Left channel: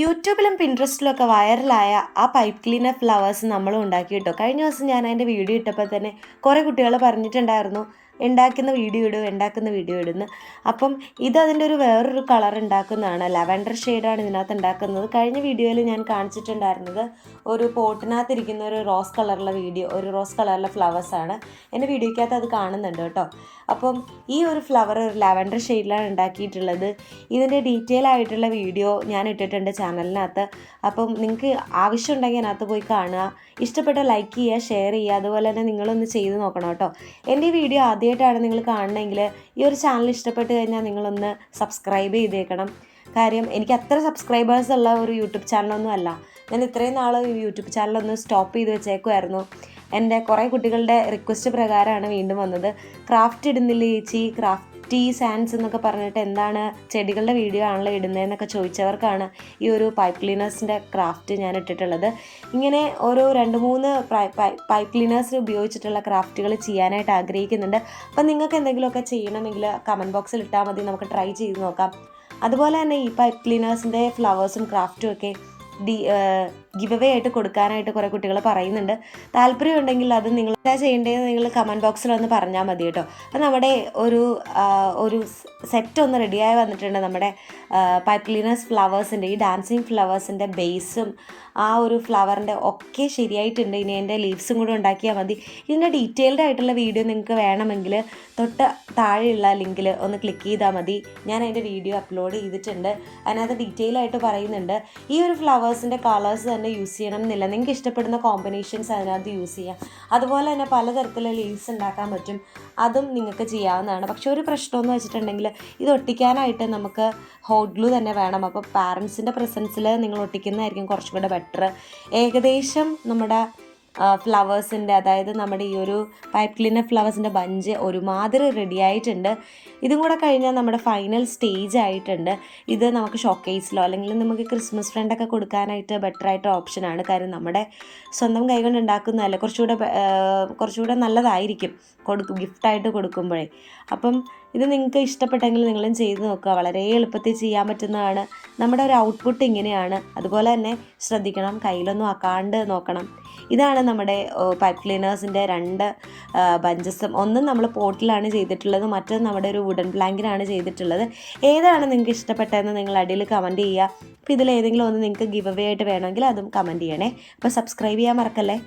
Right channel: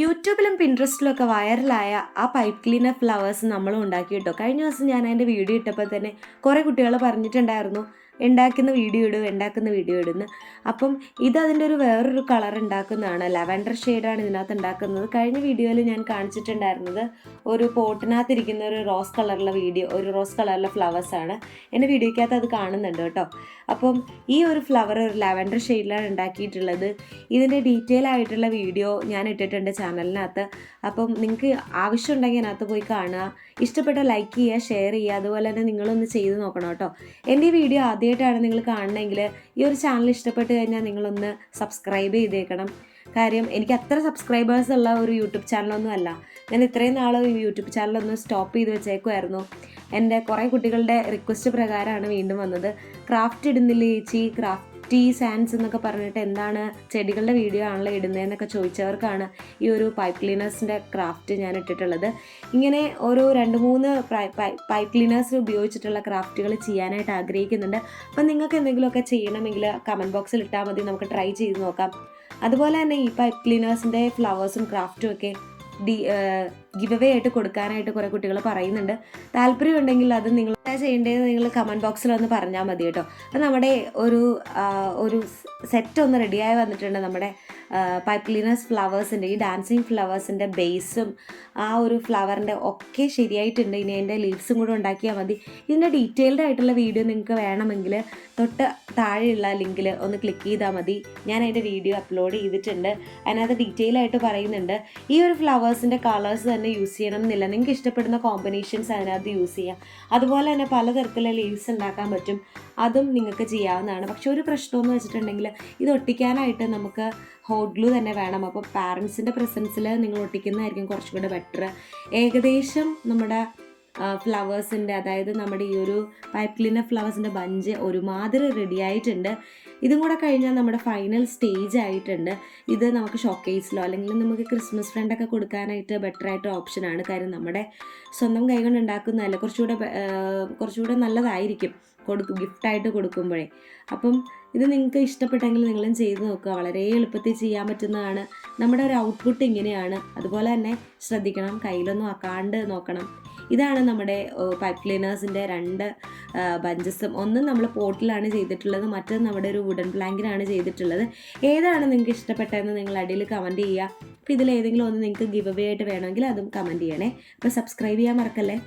യൂട്യൂബിലും പിൻട്രസ്റ്റിലും ഒക്കെ വൈറലായ ആ പൈപ്പ് ക്ലീനർ ഫ്ലവേഴ്സ് നമ്മളും ഉണ്ടാക്കി കേട്ടോ. കഴിഞ്ഞ ദിവസം ഞാൻ അതിൻ്റെ വീഡിയോ ഇട്ടപ്പോൾ തന്നെ കുറേ കുട്ടികൾ പറഞ്ഞിട്ടുണ്ടായിരുന്നു ഉണ്ടാക്കുന്ന വീഡിയോ ഇടുന്നു. അപ്പം ഇതിൻ്റെ ഒരു വേറൊരു കളർ ഉണ്ടാക്കുന്നതാണ്, ലാവൻഡർ ഷെയ്ഡാണ് ഇതിനകത്ത് ഉണ്ടാക്കുന്നത്. കഴിഞ്ഞ വീഡിയോയിൽ ഞാൻ കാണിച്ചിട്ടുണ്ടായിരുന്നത് ഒരു പോട്ടിനകത്തിരിക്കുന്ന ഒരു റോസ് കളറിലെ ഫ്ലവേഴ്സാണ്. എൻ്റെ വീഡിയോയ്ക്കകത്ത് അത് കാണുന്നുണ്ട് കേട്ടോ. അപ്പം ഈ ഒരു ഫ്ലവർ ഒരു ലാവൻഡർ ഷെയ്ഡിലാണ് ഉണ്ടാക്കിയിട്ടുള്ളത്. ഇതിൻ്റെ ഡീറ്റെയിൽ ആയിട്ടുള്ള വീഡിയോ ഞാൻ ഇട്ടിട്ടുണ്ട് ചാനലിനകത്ത്. അപ്പം നിങ്ങൾക്ക് ആവശ്യമുണ്ടെങ്കിൽ അതിനകത്ത് പോയി കാണുക. ഇഷ്ടപ്പെട്ട ലൈക്ക് ചെയ്യുക, ഷെയർ ചെയ്യുക. അതുപോലെ തന്നെ നിങ്ങളൊന്ന് ചെയ്ത് നോക്കണം കേട്ടോ. എൻ്റെ ഈ വീഡിയോ ആദ്യമായിട്ടാണ് നിങ്ങൾ കാണണമെങ്കിൽ ഈ ഒരു ചാനൽ ഇഷ്ടപ്പെട്ട് കഴിഞ്ഞാൽ നിങ്ങളൊന്ന് സബ്സ്ക്രൈബ് ചെയ്തേക്കണം. കാര്യം എനിക്ക് അത്ര സബ്സ്ക്രൈബേഴ്സ് ഉള്ള ഒരു യൂട്യൂബ് ചാനലൊന്നും അല്ല. ഞാൻ ഇത്രയും നാൾ യൂട്യൂബ് ചാനലൊന്ന് സ്റ്റോപ്പ് ചെയ്ത് വെച്ചേക്കുമായിരുന്നു. എൻ്റെ കുറേ കുട്ടികളുടെ റിക്വസ്റ്റ് പ്രകാരമാണ് വീണ്ടും വന്നത്. ക്രാഫ്റ്റ് ഇടുന്നില്ല ചേച്ചി, ക്രാഫ്റ്റി സാൻസ് എന്നൊക്കെ പറഞ്ഞിട്ട് എന്താണ് ചെടികളുടെ വീഡിയോ ആണല്ലോ ഇടുന്നതെന്നൊക്കെ ചോദിച്ചവർക്കാണ് ഈ ഒരു പൈപ്പ് ക്ലീനേഴ്സിൻ്റെ ക്രാഫ്റ്റ് ഞാൻ ഇട്ടിട്ടുള്ളത്. ഇങ്ങനെ ഓരോ 2-3 പൈപ്പ് ക്ലീനേഴ്സ് ഉപയോഗിച്ചിട്ടുള്ള ക്രാഫ്റ്റുകൾ ചെയ്യാനായിട്ട് ആഗ്രഹിക്കുന്നുണ്ട്. അപ്പം നിങ്ങൾക്ക് എന്തെങ്കിലുമൊക്കെ ചെയ്യണമെങ്കിൽ കമൻറ്റ് ബോക്സിൽ ഇട്ടാൽ മതി, നമുക്ക് ട്രൈ ചെയ്ത് നോക്കാം. അതുപോലെ തന്നെ ഈ പൈപ്പ് ക്ലീനേഴ്സിൻ്റെ ഫ്ലവേഴ്സും ക്രാഫ്റ്റും ഒക്കെ ഗിവ് അവേ ആയിട്ട് കൊടുക്കാനായിട്ട് കുറേ കുട്ടികൾ പറയുന്നുണ്ട്. താല്പര്യമുണ്ടെങ്കിൽ അത് നിങ്ങൾ ചെയ്യേണ്ടതെന്ന് നിങ്ങൾ കമൻറ്റ് ബോക്സിൽ ഒന്ന് പറഞ്ഞാൽ മതി കേട്ടോ. അപ്പോൾ നമ്മുടെ ഒരു സെറ്റ് ഒന്ന് റെഡിയായി വന്നിട്ടുണ്ട്. നമ്മുടെ പൈപ്പ് ക്ലീനേഴ്സ് ഫ്ലവേഴ്സിൻ്റെ ഈ ഡാൻസിങ് ഫ്ലവേഴ്സിൻ്റെ ബേസും ആ ഒരു ഫ്ലവറിൻ്റെ ഒക്കെ ശരിയായിട്ടുണ്ട്. ഇനി അതിൻ്റെ ലീവ്സും കൂടെ ഉണ്ടാക്കിയാൽ മതി. ഇതിൻ്റെ ഡീറ്റെയിൽഡ് ആയിട്ടുള്ള വീഡിയോ നിങ്ങൾക്ക് വേണമെങ്കിൽ തൊട്ട് താഴെയുള്ള ലിങ്കിൽ ഒന്ന് ക്ലിക്ക് ചെയ്താൽ മതി. ഞാൻ അതിൻ്റെ വീഡിയോ അപ്ലോഡ് ചെയ്തിട്ടുണ്ട്. അതിനകത്ത് ഡീറ്റെയിൽ ആയിട്ട് പറയുന്നുണ്ട്. ഈ ഒരു ഫ്ലവേഴ്സിൻ്റെ കളേഴ്സ് തന്നെ യൂസ് ചെയ്യണം എന്നില്ല, നിങ്ങൾക്ക് ഇഷ്ടപ്പെടുന്ന കോമ്പിനേഷൻസ് അതിനകത്ത് യൂസ് ചെയ്യാം. അതുപോലെ തന്നെ പലതരത്തിലുള്ള ലീവ്സ് ഉണ്ടാക്കാൻ പറ്റും, അതും നിങ്ങൾക്ക് ചെയ്യാവുന്നതാണ്. പക്ഷേ ഒരു പ്രശ്നമെന്ന് വെച്ചിട്ടുണ്ടെങ്കിൽ ഇത് ഒട്ടിക്കാനായിട്ട് നമുക്ക് ഹോട്ട് ഗ്ലൂ തന്നെ വേണം. അപ്പോൾ പാരൻസിൻ്റെ പ്രസൻസിൽ നിങ്ങൾ ഒട്ടിക്കുന്നതായിരിക്കും കുറച്ചും കൂടെ ബെറ്റർ. ഏകദേശം നമ്മുടെ ഫ്ലവേഴ്സിൻ്റെ, അതായത് നമ്മുടെ ഈ ഒരു പൈപ്പ് ക്ലീനർ ഫ്ലവേഴ്സിൻ്റെ ബഞ്ച് ഒരുമാതിരി റെഡി ആയിട്ടുണ്ട്. ഇതും കൂടെ കഴിഞ്ഞാൽ നമ്മുടെ ഫൈനൽ സ്റ്റേജ് ആയിട്ടുണ്ട്. ഇത് നമുക്ക് ഷോക്കേസിലോ അല്ലെങ്കിൽ നമുക്ക് ക്രിസ്മസ് ഫ്രണ്ടൊക്കെ കൊടുക്കാനായിട്ട് ബെറ്ററായിട്ട് ഓപ്ഷനാണ്. കാര്യം നമ്മുടെ സ്വന്തം കൈകൊണ്ട് ഉണ്ടാക്കുന്നതല്ലേ, കുറച്ചുകൂടെ നല്ലതായിരിക്കും ഗിഫ്റ്റായിട്ട് കൊടുക്കുമ്പോഴേ. അപ്പം ഇത് നിങ്ങൾക്ക് ഇഷ്ടപ്പെട്ടെങ്കിൽ നിങ്ങളും ചെയ്ത് നോക്കുക. വളരെ എളുപ്പത്തിൽ ചെയ്യാൻ പറ്റുന്നതാണ്. നമ്മുടെ ഒരു ഔട്ട്പുട്ട് ഇങ്ങനെയാണ്. അതുപോലെ തന്നെ ശ്രദ്ധിക്കണം, കയ്യിലൊന്നും ആക്കാണ്ട് നോക്കണം. ഇതാണ് നമ്മുടെ പൈപ്പ് ക്ലീനേഴ്സിൻ്റെ 2 ബഞ്ചസും. ഒന്നും നമ്മൾ പോട്ടിലാണ് ചെയ്തിട്ടുള്ളത്, മറ്റൊന്ന് നമ്മുടെ ഒരു വുഡൻ പ്ലാങ്കിലാണ് ചെയ്തിട്ടുള്ളത്. ഏതാണ് നിങ്ങൾക്ക് ഇഷ്ടപ്പെട്ടതെന്ന് നിങ്ങൾ അടിയിൽ കമൻറ്റ് ചെയ്യുക. അപ്പോൾ ഇതിലേതെങ്കിലും ഒന്ന് നിങ്ങൾക്ക് ഗിവ് അവേ ആയിട്ട് വേണമെങ്കിൽ അതും കമൻറ്റ് ചെയ്യണേ. അപ്പോൾ സബ്സ്ക്രൈബ് ചെയ്യാൻ മറക്കല്ലേ.